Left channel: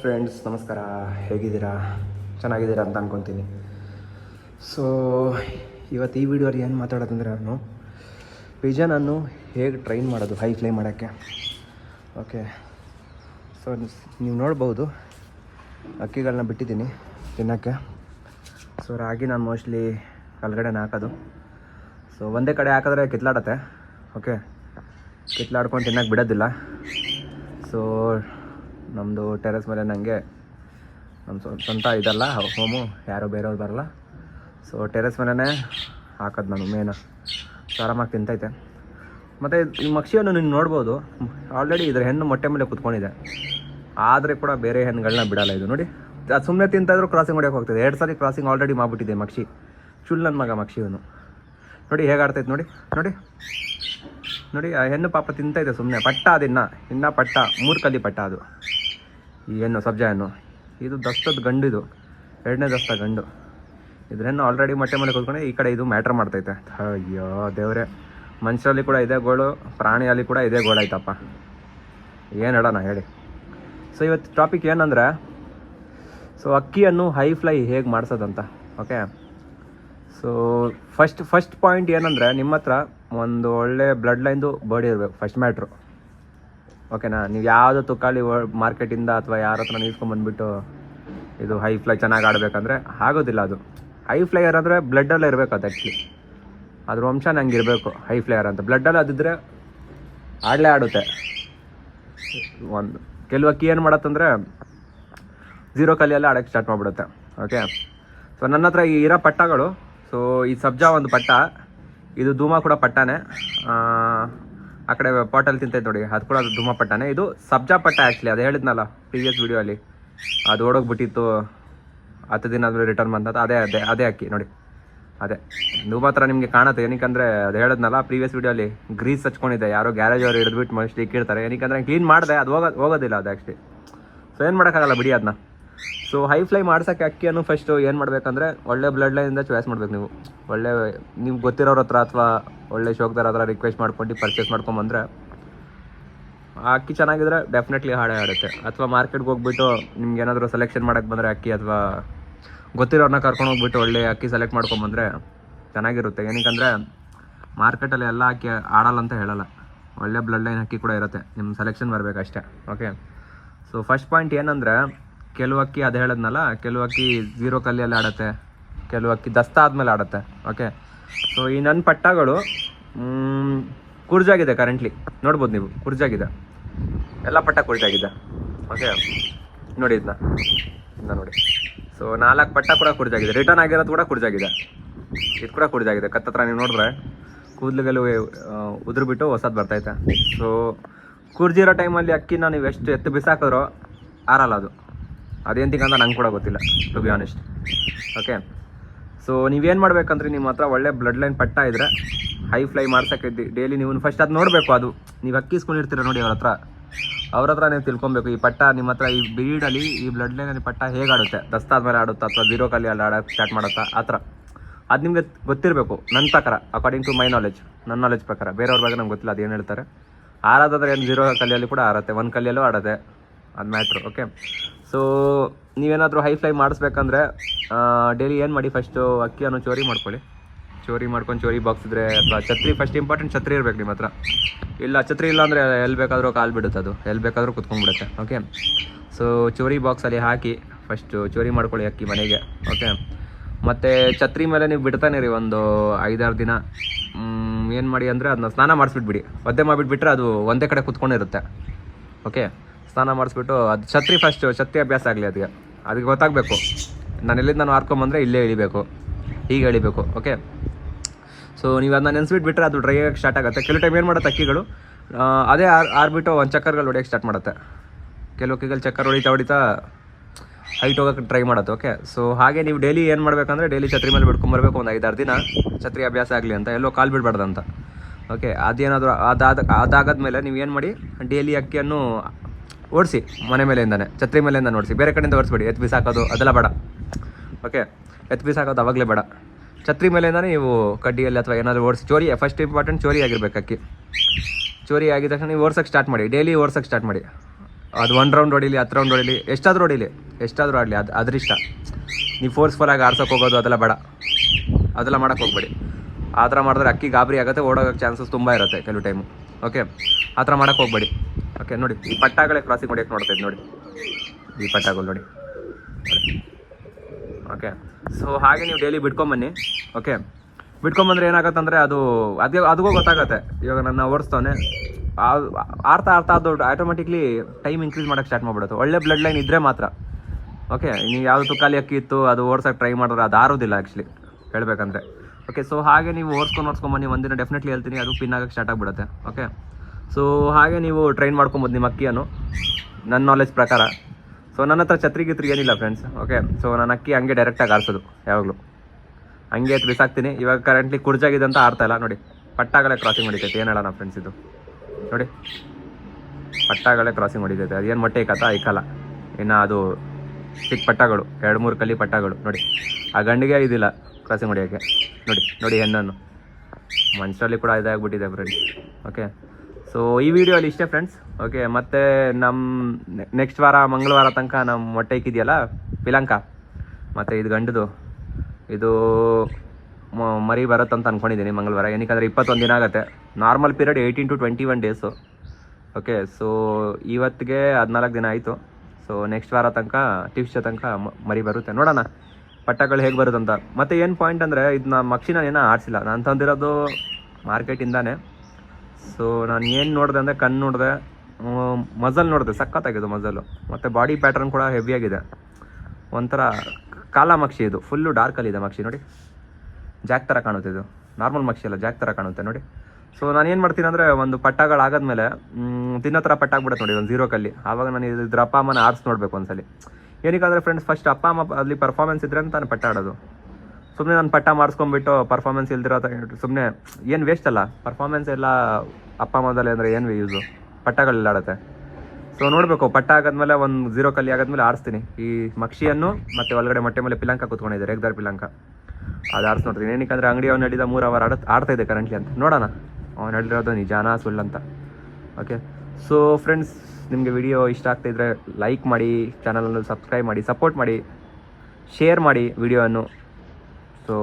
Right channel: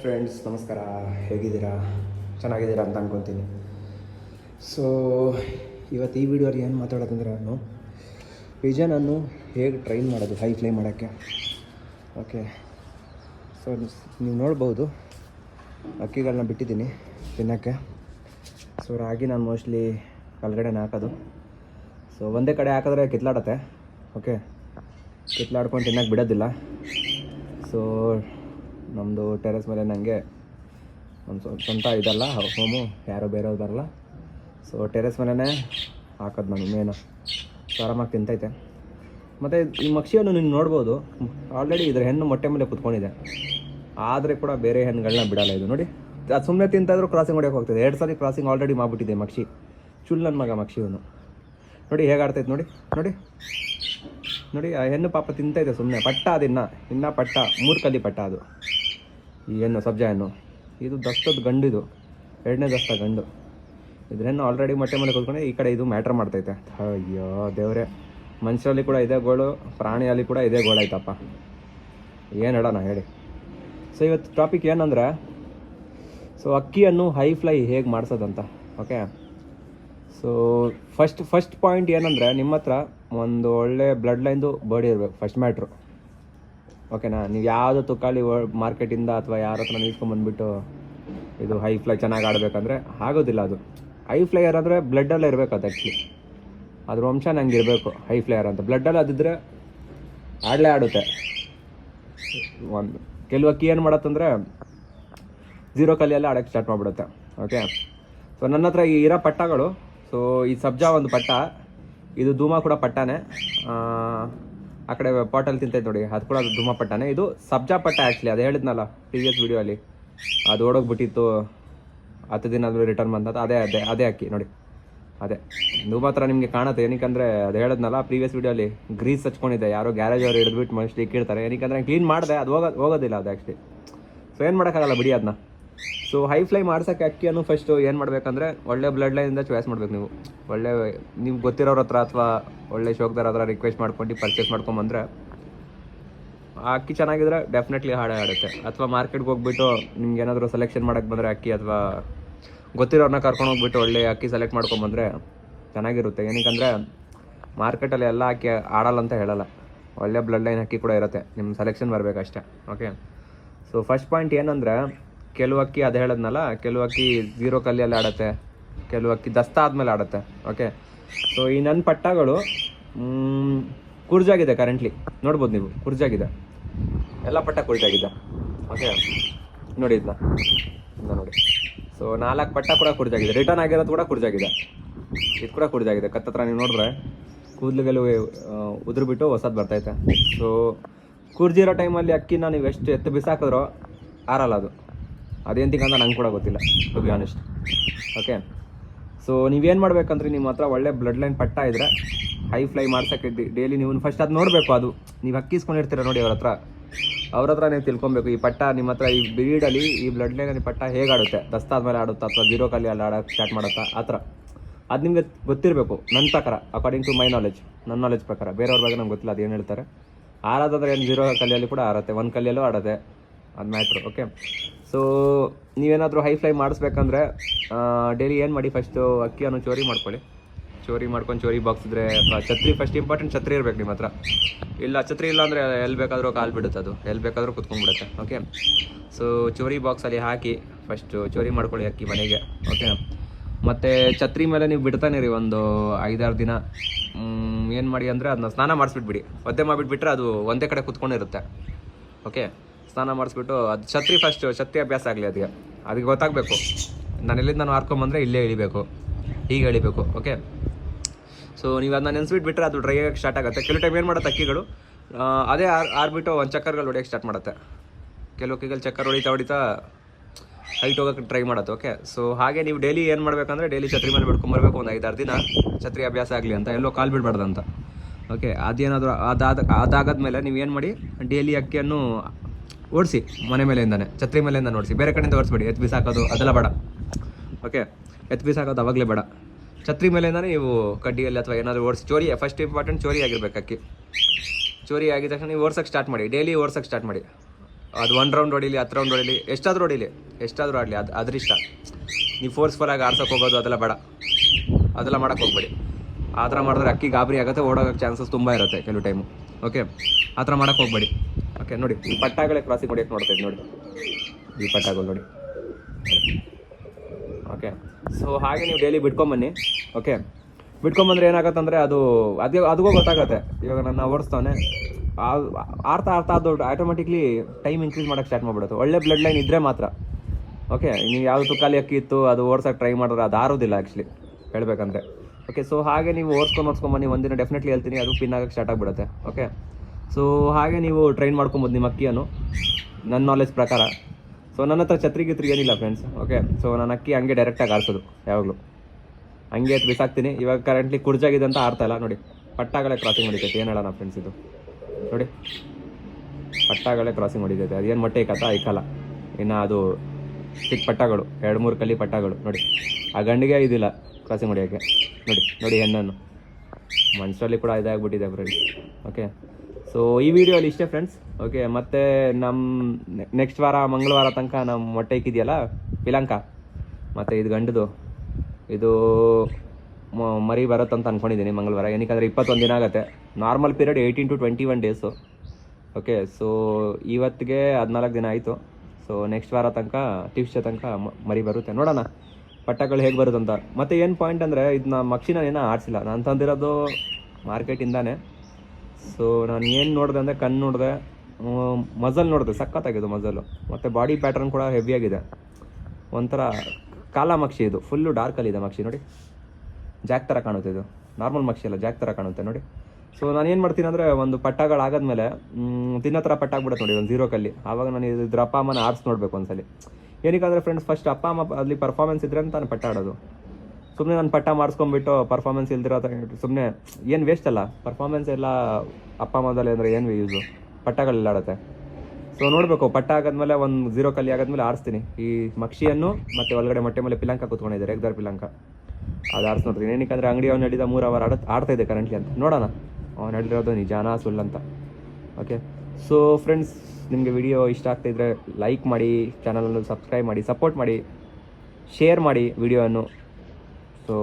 Friends ನಮಸ್ಕಾರ, ಹೇಗಿದ್ದೀರಾ? ಚೆನ್ನಾಗಿದ್ದೀರಾ ಅಂತ ಅಂದ್ಕೊತೀನಿ. ಸೊ ಇವತ್ತು ಈ ವಿಡಿಯೋಲಿ ಏನು ಮಾತಾಡೋದಂದರೆ, ನಾನು ಪಿಜನನ್ನು ಹೇಗೆ ಟ್ರೈನ್ ಮಾಡೋದು ಹೈ ಫ್ಲೈ ಮಾಡೋಕ್ಕೆ. ಓಕೆ, ಸೊ ನೀವು ನೋಡ್ಬೋದು ಅಕ್ಕಿಗಳನ್ನ ಬಿಟ್ಟಿದ್ದೀನಿ ತಿನ್ನೋಕ್ಕೆ. ಸೊ ರಾಗಿ ನಾನು ಮೋಸ್ಟ್ಲಿ ಕೆಳಗಡೆನೇ ಹಾಕೋದು. ಸೊ ಒಂದೇ ಕಡೆ ಹಾಕಿದ್ರೆ ಕಿತ್ಲಾಡತ್ತೆ. ಓಕೆ, ಕಿತ್ಲಾಡ್ಕೊಂಡು ತಿನ್ನೋಕ್ಕೆ ಬಿಡೋದಿಲ್ಲ. ಸೊ ನಮ್ಮದು ಟೆರೆಸ್ ಮೇಲೆ ನನಗೆ ನಮ್ಮ ಸ್ವಂತ ಇದಲ್ಲ, ಹೋಮು, ಯಾರೋ ಬೇರೆಯವ್ರು ಬರಲ್ಲ. ಸೊ ಟೆರೆಸ್ ಮೇಲೇ ಹಾಕೋದು ನಾನು ಮೇನು. ಆರಾಮಾಗಿ ತಿಂತೈತೆ. ಮತ್ತು ಈ ಮಕ್ಷಿಯನ್ನು ನೀವು ನೋಡ್ಬೋದು, ಆಲ್ರೆಡಿ ಇದ್ರ ಹೆಣ್ಣು ಮೊಟ್ಟೆ ಮೇಲೆ ಕುತ್ಕೊಂಡಿದೆ. ಆದರೆ ಕೂಡ ಬೇರೆ ಹೆಣ್ಣುಗಳನ್ನ ಬಿಡಲ್ಲ ಇದು. ನೋಡಿ, ಅದು ಸುಮ್ಮನೆ ತಿಂತಾಯಿದ್ರು ಕ್ರಾಸಿಂಗ್ ಹೊಡೆಯೋಕೆ ಹೋಗ್ತದೆ. 2 ಸಾರಿ ಕ್ರಾಸಿಂಗ್ ಆಲ್ರೆಡಿ ಮಾಡಿಬಿಟ್ಟಿದೆ ಮಕ್ಷಿ. ಚುಲ್ ನನ್ನ ಮಗ ಮಕ್ಷಿವನು. ನೋಡಿ ಹೇಗೆ ಆಡ್ತೈತೆ ನೋಡಿ. ನೋಡಿ ನೋಡಿ ಆ ಹೆಣ್ಣು ಪಾಪ ತಿಂತೈತೆ ಸುಮ್ಮನೆ. ಪಟ್ಟ ಅದು ಇನ್ನೂ ಪಟ್ಟ 3 ಕಲ್ಲಿ ಪಟ್ಟ ಅದು. ಈ ಹೆಣ್ಣು ಸಬ್ಜಾ ಹೆಣ್ಣು ಇದು ದಸ್ತದ ಗಂಡು, ಇದು 2ನೇ ದಸ್ತ ಗಂಡು. ಇದ್ರ ಹೆಣ್ಣು ಆಲ್ರೆಡಿ ಮೊಟ್ಟೆ ಮೇಲೆ ಕೂತ್ಕೊಂಡು ಈ ಕಡೆ ಇದು ಮ್ಯಾಟ್ರ್ ಮಾಡ್ತೈತೆ. ಅಯ್ಯೋ ದೇವರೇ, ಮನುಷ್ಯರಲ್ಲಿ ಕೂಡ ಇದೇ ಗೋಳು, ಪ್ರಾಣಿಯಲ್ಲಿ ಕೂಡ ಇದೇ ಗೋಳಾಯ್ತಪ್ಪ. ಏನು ಹೇಳೋಣ ಹೇಳಿ. ಸೊ ಇವತ್ತು ಟಾಪಿಕ್ ಏನಂದರೆ, ಸೊ ಅಕ್ಕಿಯನ್ನು ಹೈ ಫ್ಲೈ ಹೇಗೆ ಮಾಡಿಸೋದಂತ. ಓಕೆ, ಸೊ ಫಸ್ಟ್ ಪಾಯಿಂಟ್ ಏನಂದರೆ, ನಿಮ್ಮ ಹತ್ರ ಒಂದು ಒಳ್ಳೆ ಬ್ಲಡ್ ಲೈನ್ದು ಬಾಡಿ ಇರಬೇಕು ಫಸ್ಟ್ ಮ್ಯಾಟ್ರು. ಓಕೆನಾ? ನೀವು ಯಾವುದೋ ತುಕಾಲಿ ಮಾರ್ಕೆಟಿಂದ ಅಥವಾ ಯಾರ ಹತ್ರ ನಿಲ್ಸ್ಕೊಂಡ್ಬಂದ್ಬಿಟ್ಟು ಇದು ಹೈ ಫ್ಲೈ ಚೆನ್ನಾಗಿ ಆಡಬೇಕಂದ್ರೆ ಆಗೋದಿಲ್ಲ. ಅದು ಹೈ ಫ್ಲೈಯರ್ ಅಂದರೆ ಬ್ಲಡ್ಡಲ್ಲೇ ಇರಬೇಕು. ಅದು ಆ್ಯಕ್ಚುಲಿ ಅದ್ರ ವಂಶ ನಂಗೆ ಇರಬೇಕು ಹೈ ಫ್ಲೈಯರ್ ಅಂತ. ಬ್ಲಡ್ಡಲ್ಲಿ ಅದಿದ್ದರೆ ಆಡಲೇ ಆಡುತ್ತೆ. ಒಂದು ಕೆಲವು ಅಕ್ಕಿ ಏನು ಮಾಡತ್ತಂದರೆ 0 ಕಲ್ಲಿಯಲ್ಲೇ ಆಡೋಕ್ಕೆ ಸ್ಟಾರ್ಟ್ ಮಾಡಿಬಿಡುತ್ತೆ. ಓಕೆ, ಸೊ ನನ್ನ ಹತ್ರ ಈ ಇರೋ ಪಟ್ಟಗಳು, ಸೊ ಈ ಸಬ್ಜಾ ಒಂದು ಪಟ್ಟ, ಇದು ಧೂಮ ಕೂಡ ಪಟ್ಟನೇ. ಆ ಕಡೆ ಪಾಟಲ್ಲಿ ತಿಂತೈತೆ ನೋಡಿ, ಅದು ಕೂಡ ಧೂಮ ಪಟ್ಟನೇ. ಇದು ಸಬ್ಜಾ ಪಟ್ಟ ಆ್ಯಕ್ಚುಲಿ. ಅದು ಹೇಳಿದ್ನಲ್ಲ ಪ್ರೀವಿಯಸ್ ವೀಡಿಯೋಲಿ, ಅದು ಓಡೋಗ್ಬಿಟ್ಟಿತ್ತು 10 ದಿನ ಆದಮೇಲೆ ರಿಟರ್ನ್ ಬಂದದ್ದು. ಅದೇ ಅಕ್ಕಿ ನೋಡಿ, ಅದೇ ಧೂಮ ಹತ್ರ ನಿಮಗೆ ಕಾಣುತ್ತೆ. ಏನಕ್ಕಂದರೆ ಅದು ಹೇಳಿದ್ನಲ್ಲ ಪ್ರೀವಿಯಸ್ ವೀಡಿಯೋಲಿ, ಗ್ರೀಸ್ ಹಚ್ಕೊಂಡಿದ್ದೆ. ಯಾರೋ ಗ್ಯಾರೇಜ್ ಅವರು ಹಿಡಿದ್ಬಿಟ್ಟು ಮೋಸ್ಟ್ಲಿ ಇಕ್ಕಿರ್ತಾರೆ. ಏನಕ್ಕಂದರೆ ಕ್ಲೀನ್ ಮಾಡಿದೆ, ಅದು ಹೋಗೋದಿಲ್ಲ ಅದು ಆ್ಯಕ್ಚುಲಿ. ಸೊ ಏನು ಮಾಡೋಕ್ಕಾಗಲ್ಲ ಬಿಡಿ ಅದನ್ನ. ಸೊ ಹೈ ಫ್ಲೈ ಮಾಡ್ಸೋಕ್ಕೆ ಅಕ್ಕಿಯನ್ನು ಫಸ್ಟು ಏನು ಮಾಡಬೇಕಂದ್ರೆ, ಒಳ್ಳೆ ಬ್ಲಡ್ ಲೈನಿಂದ ಚಾಯ್ಸ್ ಮಾಡ್ಬೇಕು ನೀವು. ಒಳ್ಳೆ ನೀವು ಗೊತ್ತಿರೋರ ಹತ್ರ ಅಥವಾ ಒಳ್ಳೆ ಶೋಕ್ದಾರ ಹತ್ರ ರಿಕ್ವೆಸ್ಟ್ ಮಾಡ್ಕೊಂಡು ಪರ್ಚೇಸ್ ಮಾಡ್ಕೊಂಬಂದರೆ ಆ ಅಕ್ಕಿ ಚೆನ್ನಾಗಿದ್ರೆ ಡೆಫಿನೆಟ್ಲಿ ಹಾಡೇ ಆಡುತ್ತೆ. ಅಥವಾ ಮಾರ್ಕೆಟ್ಗೆ ಹೋಗ್ಬಿಟ್ಟು ನಿಮ್ಗೆ ಏನಾದರೂ ಸೆಲೆಕ್ಷನ್ ಮಾಡೋಕ್ಕೆ ಬಂದರೆ ಅಕ್ಕಿ, ಅಥವಾ ಗೊತ್ತಿರೋರನ್ನ ಕರ್ಕೊಂಡು ಹೋಗ್ಬಿಟ್ಟು ಒಳ್ಳೆ ಅಕ್ಕಿ ಸೆಲೆಕ್ಟ್ ಮಾಡ್ಕೊಂಬಂದರೆ ಚೆನ್ನಾಗಿರುತ್ತೆ. ಏನಕ್ಕಂದರೆ ಮಾರ್ಕೆಟಲ್ಲಿ ಎಲ್ಲ ಅಕ್ಕಿ ಆಡಲ್ಲ ಅಂತ ಹೇಳಲ್ಲ, ಒಳ್ಳೆ ಬ್ಲಡ್ ಲೈನ್ ಅಕ್ಕಿ ಕೂಡ ಇರುತ್ತೆ. ನಿಮ್ಮ ಸೆಲೆಕ್ಷನ್ ಬರಬೇಕಷ್ಟೇ. ಓಕೆ, ಸೊ ಫಸ್ಟ್ ಪಾಯಿಂಟ್ ಏನಂದರೆ, ಕೆಲವು ಅಕ್ಕಿ ಅದು ಹೇಳಿದ್ನಲ್ಲ, ಕೆಲವು ಅಕ್ಕಿ 0 ಕಲ್ಲಿಯಲ್ಲಿ ಆಡುತ್ತೆ, ಕೆಲವು ಅಕ್ಕಿ ದಸ್ತ ಆದಮೇಲೆ ಆಡುತ್ತೆ. ಓಕೆ, ಸೊ ಈ ನನ್ನ ಪಟ್ಟಗಳು ಕುರ್ಜಾಗಿದೆ ಕರೆಂಟ್ಲಿ. ನೋಡ್ಬೋದು ನೀವು, ಕುರ್ಜಾಗಿದೆ ಎಲ್ಲ ಪಟ್ಟ ಕುರ್ಜಾಗಿದೆ. ಓಕೆ, ನೋಡಿ ಇದನ್ನ ನೋಡಿ. ಸೊ 4 ಪಟ್ಟ ಕೂಡ ಕುರ್ಜಾಗಿದೆ. ರಿಟರ್ನ್ ಆಗಿರೋದು ಕೂಡ ಕುರ್ಜಾಗಿದೆ. ಇದು ಕೂಡ ಕುರ್ಜಾಗಿದೆ. ಕತ್ತತ್ರ ನೀವು ನೋಡಿದ್ರೆ ಕೂದಲುಗಳು ಉದುರುಬಿಟ್ಟು ಹೊಸದು ಬರ್ತೈತೆ. ಸೊ ಕುರ್ಜಿರೋ ಟೈಮಲ್ಲಿ ಅಕ್ಕಿನ ನೀವು ಎಷ್ಟು ಎತ್ತು ಬಿಸಾಕಿದ್ರೋ ಆರಲ್ಲ ಅದು. ಅದೇಂತಿಗಂತ ನಂಗೆ ಕೂಡ ಗೊತ್ತಿಲ್ಲ, to be honest. Okay, so ನೀವೇನು ಮಾಡ್ಬೇಕಂದ್ರೆ, ನಿಮ್ಮ ಹತ್ರ ಒಳ್ಳೆ ಬ್ಲಡ್ ಲೈನ್ ಪಟ್ಟ ಇದ್ದರೆ ಹೈ ಫ್ಲೈ ಮಾಡ್ಸೋಕ್ಕೆ ಡೈಲಿ ನೀವು ಫಸ್ಟ್ ಅದು ನೋಡಬೇಕು. ಅದು ನೀವು ಅಕ್ಕಿಸ್ಕೊಂಡಿರ್ತೀರ ನೋಡಿ ಅವ್ರ ಹತ್ರ ನೀವು ತಿಳ್ಕೊಬೇಕು. ಈ ಪಟ್ಟ ನಿಮ್ಮ ಹತ್ರ ಈ ಬ್ರೀಡಲ್ಲಿ ಈ ಬ್ಲಡ್ ಲೈನ್ ಪಟ್ಟ ಹೇಗೆ ಆಡುತ್ತೆ, ದಸ್ತಾದ್ಮೇಲೆ ಆಡುತ್ತಾ ಅಥವಾ 0 ಕಲ್ಲಿಯಲ್ಲಿ ಆಡೋಕ್ಕೆ ಸ್ಟಾರ್ಟ್ ಮಾಡುತ್ತಾ, ಆ ಥರ ಅದು ನಿಮಗೆ ಗೊತ್ತಿರಬೇಕು. ನನ್ನ ಪ್ರಕಾರ, ಅಕಾರ್ಡಿಂಗ್ ಟು ಮೈ ನಾಲೆಜ್, ನನ್ನ ನಾಲೆಜ್ ಪ್ರಕಾರ. ಬೇರೆಯವ್ರ ಬಗ್ಗೆ ನಂಗೆ ಗೊತ್ತಿಲ್ಲ ಅದು ಏನು ಹೇಳ್ತಾರೆ. ಆಡೋದಾದ್ರೆ ಏನು 0 ಕಲ್ಲಿಯಲ್ಲಿ ಕೂಡ ಆಡುತ್ತೆ, 1 ಕಲ್ಲಿಯಲ್ಲೂ ಆಡುತ್ತೆ, ಅದು ಮ್ಯಾಟ್ರು. ಓಕೆ, ಸೊ ನೀವೇನಾದರೂ ಹೈ ಫ್ಲೈ ಮಾಡಿಸ್ಬೇಕಂದ್ರೆ ಡೈಲಿ ಏನು ಮಾಡಿ, ಫಸ್ಟು ಅಕ್ಕಿಯನ್ನು ಚೋರಿ ಮಾಡ್ಕೊಳ್ಳಿ. ಚೋರಿ ಮಾಡ್ಕೊಂಡು ಚೋರಿ ಬಾಕ್ಸ್ ಇದ್ದರೆ ಅಥವಾ ಛತ್ರಿ, ಫಸ್ಟ್ ಇಂಪಾರ್ಟೆಂಟ್ ಛತ್ರಿ ಇರಬೇಕು ನಿಮ್ಮ ಹತ್ರ. ಇಲ್ಲ ಛತ್ರಿ ಇಲ್ಲ ಅಂದರೆ ಎಲ್ಲಿ ಬೇಕಾದರೂ ಕಾಲು ಬಿಡುತ್ತೆ, ಅದು ಎಲ್ಲಿ ಬೇಕಾದರೂ ಕುತ್ಕೊಂಡ್ಬಿಡುತ್ತೆ. ಓಕೆ, ಸೊ ಚೋರಿ ಬಾಕ್ಸಲ್ಲಿ ಹಾಕಿ ಫಸ್ಟು ಚೋರಿ ಮಾಡ್ಕೊಳ್ಳಿ ಅಕ್ಕಿ ಮನೆಗೆ. ಓಕೆ, ಮತ್ತು ಛತ್ರಿ ಮೇಲೆ ನೀವು ಬಿಡ್ತಾನೆ ರೀ ಒಂದು 5-6 ದಿನ. ಏನು ಮಾಡಿ ಅಂದರೆ, ಅದನ್ನ ಸ್ನಾನ ಮಾಡಿಸ್ಬಿಟ್ಬಿಡಿ. ಒದ್ದೆ ಮಾಡಿಬಿಟ್ಬಿಟ್ರೆ ಅದು ಒಂದೇ ಕಡೆ ಕುತ್ಕೊಂಡಿರುತ್ತೆ. ಓಕೆ, ಸ್ನಾನ ಮಾಡಿಸ್ಬಿಟ್ಟು ಅದು ಛತ್ರಿ ಅಭ್ಯಾಸ ಆಗಲಿ ಅದಕ್ಕೆ ಗೊತ್ತಾಗಬೇಕು. ನಾನು ಎಲ್ಲಿಂದ ನಾನು ಹಾರ್ಕೊಂಬಂದರೆ ಇಲ್ಲೇ ಇಳಿಬೇಕು, ಹೀಗೆ ಎಳಿಬೇಕು. ಓಕೆ, ಸೊ ನೀವು ಅದನ್ನ ನೆನೆಸ್ಬಿಟ್ಬಿಟ್ರೆ ಅದು ಡ್ರೈ ಆಗಿ ಸ್ಟಾರ್ಟ್ ಆಗುತ್ತೆ. ಕೆಲವು ಟೈಮ್ ಏನು ಮಾಡುತ್ತೆ ಅಕ್ಕಿಗಳು, ಅದೇ ಆರ್ಬಿಟ್ಟು ಒಂದು ಚಕ್ಕರ್ಗಳು ಹೊಡಿಯೋಕ್ಕೆ ಸ್ಟಾರ್ಟ್ ಮಾಡುತ್ತೆ. ಕೆಲವು ಅಕ್ಕಿಗಳು ಚಕ್ಕರ್ ಹೊಡಿತಾ ಹೈಟ್ ಹೋಗೋಕ್ಕೆ ಟ್ರೈ ಮಾಡುತ್ತೆ. ಓಕೆ, ಸೊ ಹಾಗೆ ನೀವು ಡೈಲಿ ಏನು ಮಾಡಬೇಕಂದ್ರೆ, ಡೈಲಿ ಛತ್ರಿ ಮೇಲೆ ಬಿಡ್ಕೊಂಬರ್ಬೇಕು ಒಂದು 5-6 ದಿನ. ಛತ್ರಿ ಅಭ್ಯಾಸ ಆಗಲಿ ಅಂತ, ಎಲ್ಲೋ ಕಾಲು ಬಿಡಬಾರ್ದು ಅಂತ. ಓಕೆ, ಅದೇನಾದರೂ ಅದಾಗದ್ಮೇಲೆ ನೀವು ಏನು ಮಾಡಿ, ಡೈಲಿ ಅಕ್ಕಿಯನ್ನು ಓಡಿಸಿ ಮನೆ ಮೇಲೆಯಿಂದಾನೆ, ಛತ್ರಿ ಮೇಲೆಯಿಂದ ಓಡಿಸಿ. ಬೇರೆ ಕಡೆಯಿಂದ ಓಡಿಸ್ಬೇಡಿ. ಎತ್ತು ಬಿಸಾಕೋದು ಅದೆಲ್ಲ ಬೇಡ. ಓಕೆ, ಎತ್ತು ಬಿಸಾಕೋದು ಅವಾಗಲೇ ಬೇಡ. ಛತ್ರಿ ಮೇಲೆಯಿಂದಾನೆ ನೀವು ಕಡ್ಡಿಯಲ್ಲಿ ಅಥವಾ ಏನಾದರೂ ಓಡಿಸಿ. ಚೋರಿ ಫಸ್ಟ್ ಇಂಪಾರ್ಟೆಂಟ್, ಚೋರಿ ಆಗಿರ್ಬೇಕು ಅಕ್ಕಿ. ಚೋರಿ ಆಗಿದ ತಕ್ಷಣ ನೀವು ಓಡ್ಸೋಕ್ಕೆ ಸ್ಟಾರ್ಟ್ ಮಾಡಿ. ಡೈಲಿ ಓಡ್ಸೋಕ್ಕೆ ಸ್ಟಾರ್ಟ್ ಮಾಡಿ. ಅದು 1 ರೌಂಡ್ ಹೊಡಿಲಿ 10 ರೌಂಡ್ ಹೊಡಿಲಿ ಎಷ್ಟಾದರೂ ಹೊಡಿಲಿ ಎಷ್ಟಾದರೂ ಆಡಲಿ ಅದು ಅದರಿಷ್ಟ. ನೀವು ಫೋರ್ಸ್ಫುಲ್ಲಾಗಿ ಆಡ್ಸೋಕೆ ಹೋಗೋದು ಅದೆಲ್ಲ ಬೇಡ, ಅದೆಲ್ಲ ಮಾಡೋಕ್ಕೆ ಹೋಗ್ಬೇಡಿ. ಆ ಥರ ಮಾಡಿದ್ರೆ ಅಕ್ಕಿ ಗಾಬರಿ ಆಗುತ್ತೆ, ಓಡೋಗೋಕ್ಕೆ ಚಾನ್ಸಸ್ ತುಂಬ ಇರುತ್ತೆ ಕೆಲವು ಟೈಮು. ಓಕೆ, ಆ ಥರ ಮಾಡೋಕ್ಕೆ ಹೋಗ್ಬೇಡಿ. ಓಕೆ ನೋಡಿ, ಈ ಪಟ್ಟಾಗಳೇ ಕ್ರಾಸಿಂಗ್ ಹೊಡಿಯೋಕ್ಕೆ ನೋಡ್ತಾ ಇದ್ದು ನೋಡಿ, ಈ ಪಟ್ಟಾಗಳು ನೋಡಿ. ಓಕೆ, ಸೊ ಹಾಗೆ ನೀವು ಡೈಲಿ ಬಿಟ್ಕೊಂಬನ್ನಿ. ಓಕೆ, ಬಿಟ್ಕೊಂಬಂದ್ರೆ ಏನಾಗುತ್ತೆ ಅಂದರೆ ಅದಕ್ಕೂ ಗೊತ್ತಾಗುತ್ತೆ. ಇವಾಗ ನನ್ನ ಓಡಿಸ್ತಾನೆ ಆಡ್ತಾ ಅದು ಆಟೋಮೆಟಿಕ್ಲಿ ಟೈಮ್ ಇನ್ಕ್ರೀಸ್ ಮಾಡೋಕ್ಕೆ ಸ್ಟಾರ್ಟ್ ಮಾಡಿಬಿಡುತ್ತೆ. ಒಳ್ಳೆ ಬ್ಲಡ್ ಲೈನ್ ಇದ್ದರೆ ಮಾತ್ರ. ಓಕೆ, ನೀವು ಯಾವುದು ತುಕಾಲಿ ಅಕ್ಕಿ ಇತ್ತು ಅದು ಓಡ್ಸೋಕ್ಕೆ ಟ್ರೈ ಮಾಡಿದ್ರೆ ಅದು ಆರೋದಿಲ್ಲ ಆ್ಯಕ್ಚುಲಿ ಹೇಳಬೇಕಂದ್ರೆ. ಓಕೆ, ಸೊ ಹಾಗೆ ನೀವು ಓಡಿಸ್ಕೊಂಬನ್ನಿ, ಒಂದಿನ ಡೆಫಿನೆಟ್ಲಿ ಹೇಳ್ತೀನಿ ಅದು ಪಿನ್ ಆಗೋಕ್ಕೆ ಸ್ಟಾರ್ಟ್ ಆಗಿಬಿಡುತ್ತೆ. ಓಕೆ, ಸೊ ಹಾಗೆ ನೀವು ಟ್ರೈನ್ ಮಾಡ್ಕೊಬೋದು ನಿಮ್ಮ ಅಕ್ಕಿಯನ್ನು, ನನ್ನ ನಾಲೆಜ್ ಪ್ರಕಾರ. ಸೊ ನನ್ನ ಹತ್ರ ಛತ್ರಿ ಏನಿಲ್ಲ ಫ್ರೆಂಡ್ಸ್. ಓಕೆ, ಸೊ ನಾನು ಅಕ್ಕಿ ಹಂಗೆ ಡೈರೆಕ್ಟಾಗಿ ಆರಿಸೋದು ಯಾವಾಗಲೂ, ಹಂಗೆ ಬಿಸಾಕ್ತೀನಿ. ಇವಾಗ ಕರೆಂಟ್ಲಿ ಕುರ್ಜಾಗಿದೆ ಅಂತ ಆಡ್ತಾ ಇಲ್ಲ ನೋಡಿ, ಪಟ್ಟಾಗಳೇ ಕ್ರಾಸಿಂಗ್ ಹೊಡಿತೈತೆ. ಏನು ಹೇಳೋಣ ಫ್ರೆಂಡ್ಸ್, ಇದು ನೋಡಿ ಪಟ್ಟಾಗಳೇ ಕ್ರಾಸಿಂಗ್ ಹೊಡಿತೈತೆ. ಅದೇನು ಮೊಟ್ಟೆ ಇಕ್ಕಲ್ಲ ಇನ್ನು, ಅದು ಚಿಕ್ಕ ಪಟ್ಟಾಗಳು 2-3 ಕಲ್ಲಿ ಪಟ್ಟಾಗಳು ನೋಡಿ. ಆ ಗಂಡಿಗೆ ಇದಿಲ್ಲ ಕ್ರಾಸಿಂಗ್ ಹೊಡಿಯೋಕ್ಕೆ. ನೋಡಿ ಹೆಣ್ಣನ್ನು ಮನುಷ್ಯರಲ್ಲಿ ಕೂಡ ಇದಾಗ್ಬಿಟ್ಟಿದೆ ಫ್ರೆಂಡ್ಸ್. ಓಕೆ, ಸೊ ಈ ವಿಡಿಯೋಲಿ ಇಷ್ಟೇ ಫ್ರೆಂಡ್ಸ್. ಓಕೆ, ಮತ್ತು ನಮ್ಮ ನೆಕ್ಸ್ಟ್ ವಾರ ಮಂಗಳವಾರ ತನಕ ನಮ್ಮ ಮೊಟ್ಟೆ ಇಕ್ಕಿದೆಯಲ್ಲ ಪಿಲಂಕ, ಮತ್ತು ಇದು ಗಂಡದು ಇದು ಮರಿ ಬರುತ್ತಂತ ಅಂದ್ಕೊಂಡಿದ್ದೀನಿ ಮಂಗಳವಾರ. ಏನಕ್ಕೆ 21 ದಿನ ಆಗುತ್ತೆ. Normal period 18 to 21 days. Okay, so ಇವತ್ತಿಗೆ 14 ದಿನ ಆಯಿತು. ಸೊ ನೆಕ್ಸ್ಟ್ ವಾರ ತನಕ ಟ್ಯೂಸ್ಡೇ ತನಕ ಮರಿ ಬರುತ್ತೆ. ನೋಡೋಣ ಪಟ್ಟಗಳು ಹೇಗೆ ಬರುತ್ತಂತ. ಮತ್ತು ಏನು ಪಾಯಿಂಟ್ ಅಂದರೆ ಇದನ್ನ ಮಕ್ಷಿನ ಏನೋ ಆಡಿಸಿಲ್ಲ, ನಾನು ತಂದಿರೋದು ಮಾರ್ಕೆಟಿಂದಾನೆ. ಸೊ ನಾನು ಏನು ನೋಡಿದೆ ಅಂದರೆ ಕಣ್ಣು ನೋಡಿದೆ, ಮಜಲ್ ನೋಡಿದೆ, ಸಖತ್ತಾಗಿದೆ ಮಜಲ್ಲು. ಮತ್ತು ಬಾಡಿ ಪ್ಯಾಟ್ರನ್ ಕೂಡ ಹೆವಿಯಾಗಿದೆ, ಒಂಥರ ಕಾಲ ಮಕ್ಷಿ. ಇದು ಫುಲ್ಲು ಡಾರ್ಕಲ್ಲಿದೆ ಮಕ್ಷಿ ನೋಡಿ, ಜಾಕ್ ಥರ ಕಾಣುತ್ತೆ. ಇದು ನಾರ್ಮಲ್ ಮಕ್ಷಿ ಅಲ್ಲ, ಜಾಕ್ ಥರ ಕಾಣುತ್ತೆ ನೋಡಿ. ಸೊ ನಾನು ಏನು ಮಾಡ್ತೀನಿ ಅಂದರೆ ಒಂದು ಪಟ್ಟಗಳಾಗದ್ಮೇಲೆ ತಿನ್ನೋ ಥರ ಪಟ್ಟಾಗ್ಬಿಡುತ್ತೆ ನೋಡಿ, ಒಂದು 0 ಕಲ್ಲಿ. ಆವಾಗ ನಾನು ಇದ್ರ ಅಪ್ಪ ಅಮ್ಮನ ಆರಿಸಿ ನೋಡಬೇಕು ಒಂದ್ಸಲಿ. ಏನಕ್ಕೆ ಫ್ರೆಂಡ್ಸ್, ಫಸ್ಟ್ ಅಪ್ಪ ಅಮ್ಮ ಅಲ್ಲಿ ಪರ್ಫಾರ್ಮೆನ್ಸ್ ಇದ್ರೆ ಅಂತ ನಾನು ಪಟ್ಟ ಆಡೋದು. ಸುಮ್ಮನೆ ನಾನು ಪಟ್ಟ ಮಾಡಿಸ್ಕೊಂಡ್ಬಿಟ್ಟು ಪರ್ಫಾರ್ಮೆನ್ಸ್ ಇಲ್ದಿರೋ ಸುಮ್ಮನೆ ಏನು ವೇಸ್ಟ್ ಅಲ್ಲ. ಪರ್ಫಾರ್ಮೆನ್ಸ್ ಎಲ್ಲ ಅಪ್ಪ ಅಮ್ಮದಲ್ಲಿ ಅಂದರೆ ಏನು ಯೂಸು, ಪಟ್ಟಗಳೆಲ್ಲ ಆಡುತ್ತೆ. ಸೊ ನೋಡಬೇಕು, ಪಟ್ಟ ಆಗಾದ್ಮೇಲೆ ಒಂದು 0 ಕಲ್ಲಿ ಆಗಾದ್ಮೇಲೆ ಆರಿಸ್ತೀನಿ ಈ ಮಕ್ಷಿಯನ್ನು. ಮತ್ತು ಒಳಗಡೆ ಮೊಟ್ಟೆ ಮೇಲೆ ಪಿಲಂಕ ಕೂತ್ಕೊಂಡಿದೆ, ರೇಗ್ದಾರ್ ಪಿಲಂಕ, ಅದು ಆರಿಸಿ ನೋಡ್ತೀನಿ. ಏನಕ್ಕೆ ಅಂಗಡಿ ಅವ್ನು ನಡೆದ 3 ಅವರ್ ಆಡ್ತಾ ಇದೆ ಕರೆಂಟ್ಲಿ ಅಂತ. ನೋಡೋಣ ಅವ್ನು ಹೇಳಿರೋದು ನಿಜಾನ ಸುಳ್ಳಂತ. ಓಕೆ, ಸೊ ಫ್ರೆಂಡ್ಸ್, ನಿಮಗೆ ವಿಡಿಯೋ ಇಷ್ಟ ಆಗ್ತಾಯಿದ್ರೆ ಲೈಕ್ ಮಾಡಿ, ಚಾನಲನ್ನು ಸಬ್ಸ್ಕ್ರೈಬ್ ಮಾಡಿ, ಸಪೋರ್ಟ್ ಮಾಡಿ, ಶೇರ್ ಮಾಡಿ ವಿಡಿಯೋವನ್ನು. ಸೊ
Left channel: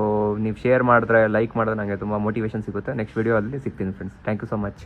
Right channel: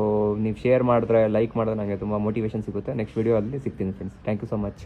ನೀವು ಶೇರ್ ಮಾಡಿದ್ರೆ, ಲೈಕ್ ಮಾಡಿದ್ರೆ ನನಗೆ ತುಂಬ ಮೋಟಿವೇಶನ್ ಸಿಗುತ್ತೆ. ನೆಕ್ಸ್ಟ್ ವಿಡಿಯೋ ಅಲ್ಲಿ ಸಿಗ್ತೀನಿ friends. Thank you so much.